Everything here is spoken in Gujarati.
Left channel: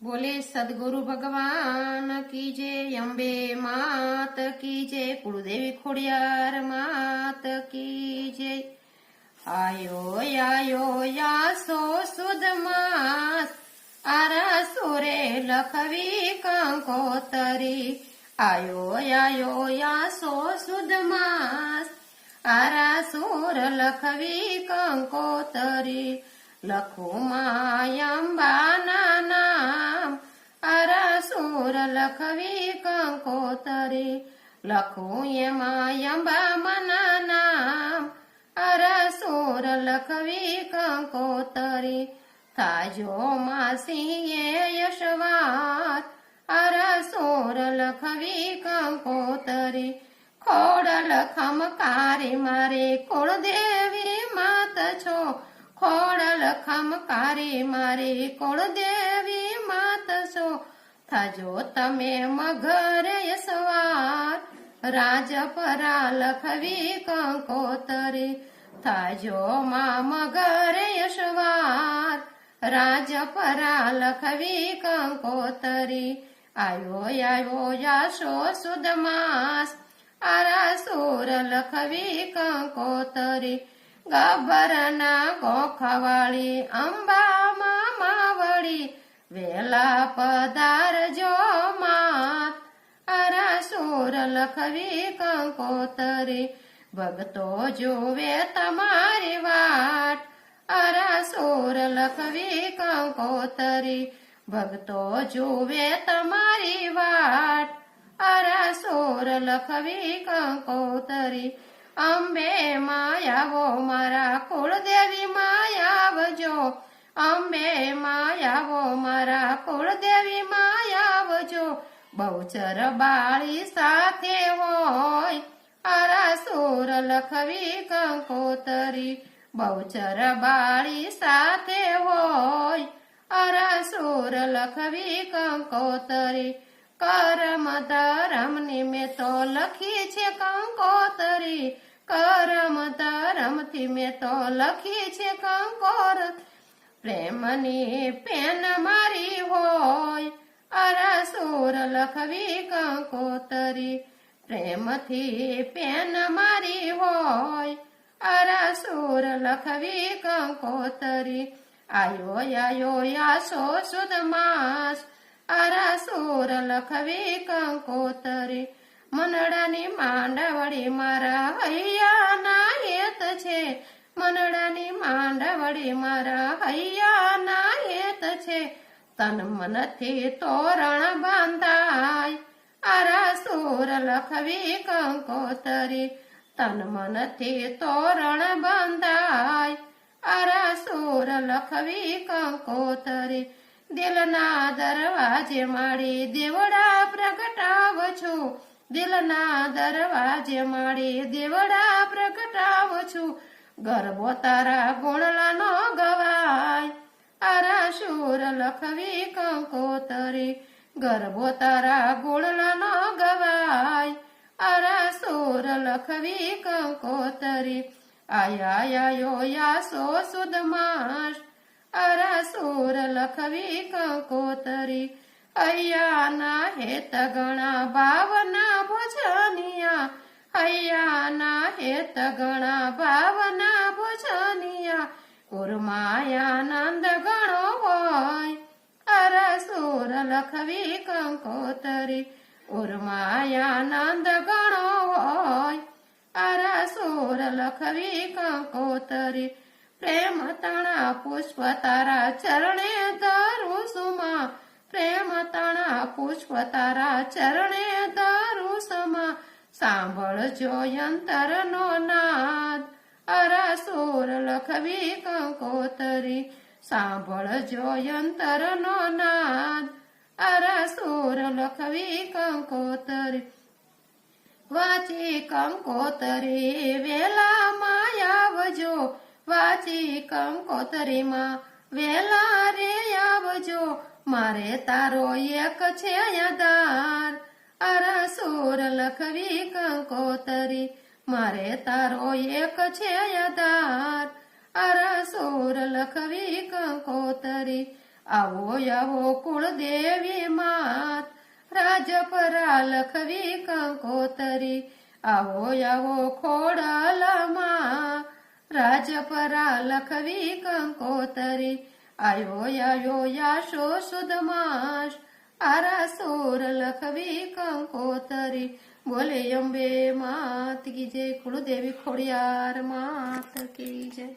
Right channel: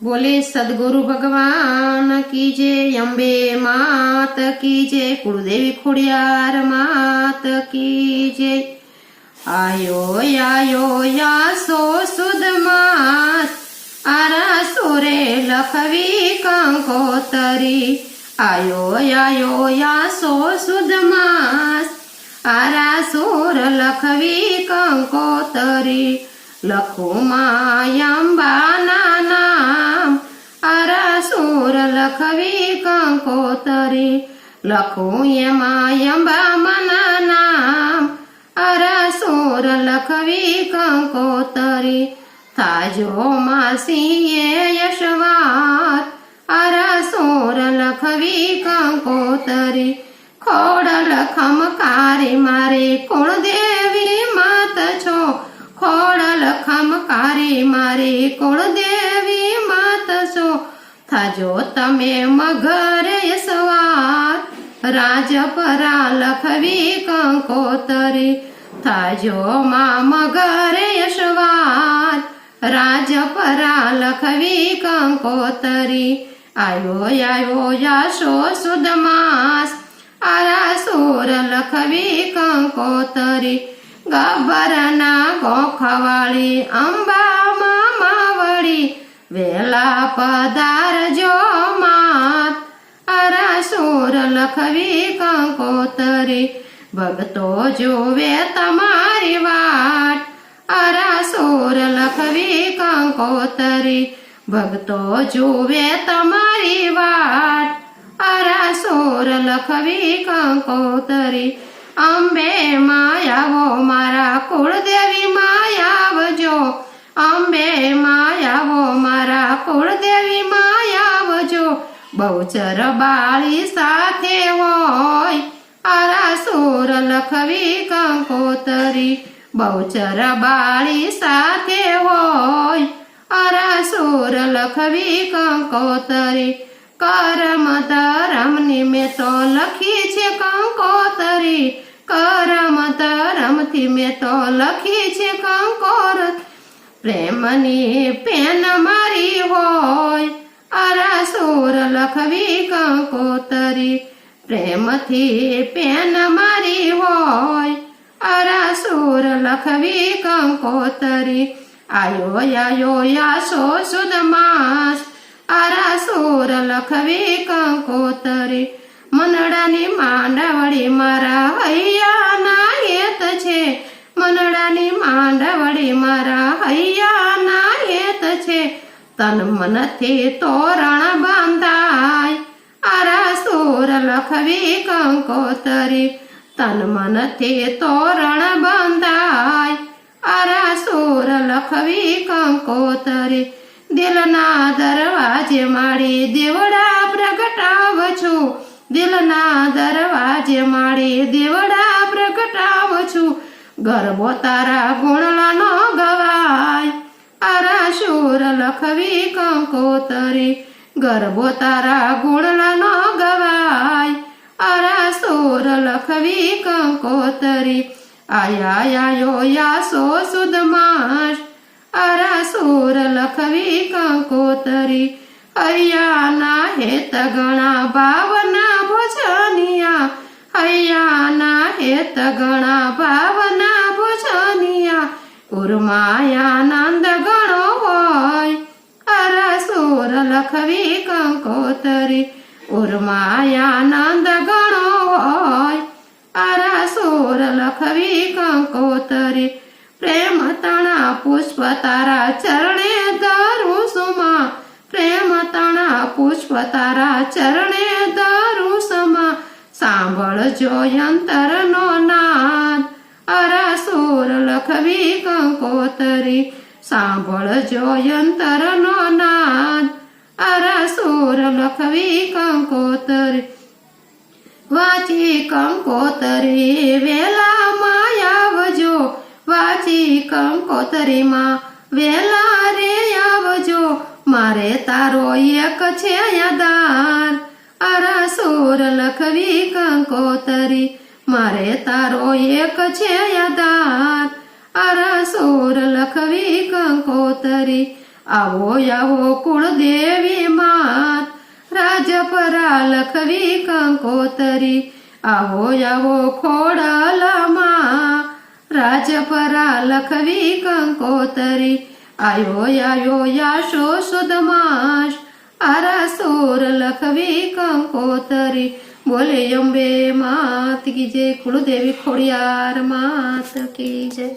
बोले सदगुरु भगवान की जय, अम्बे मात की जय, कुलदेवी खुड़ियार मात की जय। आयो या सो सुद मास आरा सोरे लखवी कंकोतरी। आयो या सो सुद मास आरा सोर लखवी कंकोतरी। लखो मायंबाना नाम आरा सोर लखवी कंकोतरी। लखो ये मायंबा मना नाम आरा सोर लखवी कंकोतरी। थाजो मासी ये यशवार आरा सोर लखवी कंकोतरी। खोडल खमकारी मारे कुळ देवी मात छो। खोडल खमकारी मारे कुळ देवी मात छो। थाजो तमे मघरे सवार રાજપરા લખવી કંકોતરી। થાજો मा मगरे यशवार રાજપરા લખવી કંકોતરી। आयो याशो सुद मास आरा सोर लखवी कंकोतरी। गब्बરના ગોખવાળી અંબા મામાવળી વેલા પધારજો માત આરા સોર લખવી કંકોતરી। ભક્તો જોવે તમારી વાટ આરા સોર લખવી કંકોતરી। ભક્તો જોવે તમારી વાટ આરા સોર લખવી કંકોતરી। અંબે માયાવો મારા કુળદેવી માયાવજો। અંબે માયાવો મારા કુળદેવી માયાવજો। બહુચર બાળી સાથે હોય આરા સોર લખવી કંકોતરી। બહુચર બાળી સાથે હોય આરા સોર લખવી કંકોતરી। કરમ ધરમ નિમિત્તો લખી છે કંકોતરી। કરમ ધરમથી મેં તો લખી છે કંકોતરી। પ્રેમની પેન મારી હોય આરા સોર લખવી કંકોતરી। પ્રેમથી પેન મારી હોય આરા સોર લખવી કંકોતરી। આયો યાશો સુદ માસ આરા સોર લખવી કંકોતરી। મનડાની માંડવડી મારા હૈયાના હેત છે। મનડાની માંડવડી મારા હૈયાના હેત છે। તન મનથી તોરણ બાંધાય આરા સોર લખવી કંકોતરી। તન મનથી તોરણ બાંધાય આરા સોર લખવી કંકોતરી। દિલના દરવાજે માડી દેવડા પ્રગટાવજો। દિલના દરવાજે માડી દેવડા પ્રગટાવજો। ગરબો તારા ગુણલાનો ગવાય આરા સોર લખવી કંકોતરી। ગરબો તારા ગુણલાનો ગવાય આરા સોર લખવી કંકોતરી। આયો યાશો સુદ માસ આરા સોર લખવી કંકોતરી। હૈયાના હેત ગણા ભાવના ભોજનિયા। હૈયાના હેત ગણા ભાવના ભોજનિયા। ઉર્માયાનંદ ગણો હોય આરા સોર લખવી કંકોતરી। ઉર્માયાનંદ ગણો હોય આરા સોર લખવી કંકોતરી। પ્રેમ તણા પુષ્પ તારા ચરણે ધરું સુમા। પ્રેમ તણા પુષ્પ તારા ચરણે ધરું સમા। સાંભળજો યંતરનો નાદ આરા સોર લખવી કંકોતરી। સાંભળજો યંતરનો નાદ આરા સોર લખવી કંકોતરી। વાંચી કંકોતરી વેલા માયાવજો। વાંચી કંકોતરીમાં વેલા રે આવજો। મારે તારો એક છે યાદાર આરા સોર લખવી કંકોતરી। મારે તારો એક છે યાદાર આરા સોર લખવી કંકોતરી। આવો આવો કુળદેવી માત રાજપરા લખવી કંકોતરી આવો આવો ખોડલમાં રાજપરા લખવી કંકોતરી આયો આયો યાશો સુદ માસ આરાસુર લખવી કંકોતરી બોલે અંબે માત કી જય કુળદેવી ખોડિયાર માત કી જય।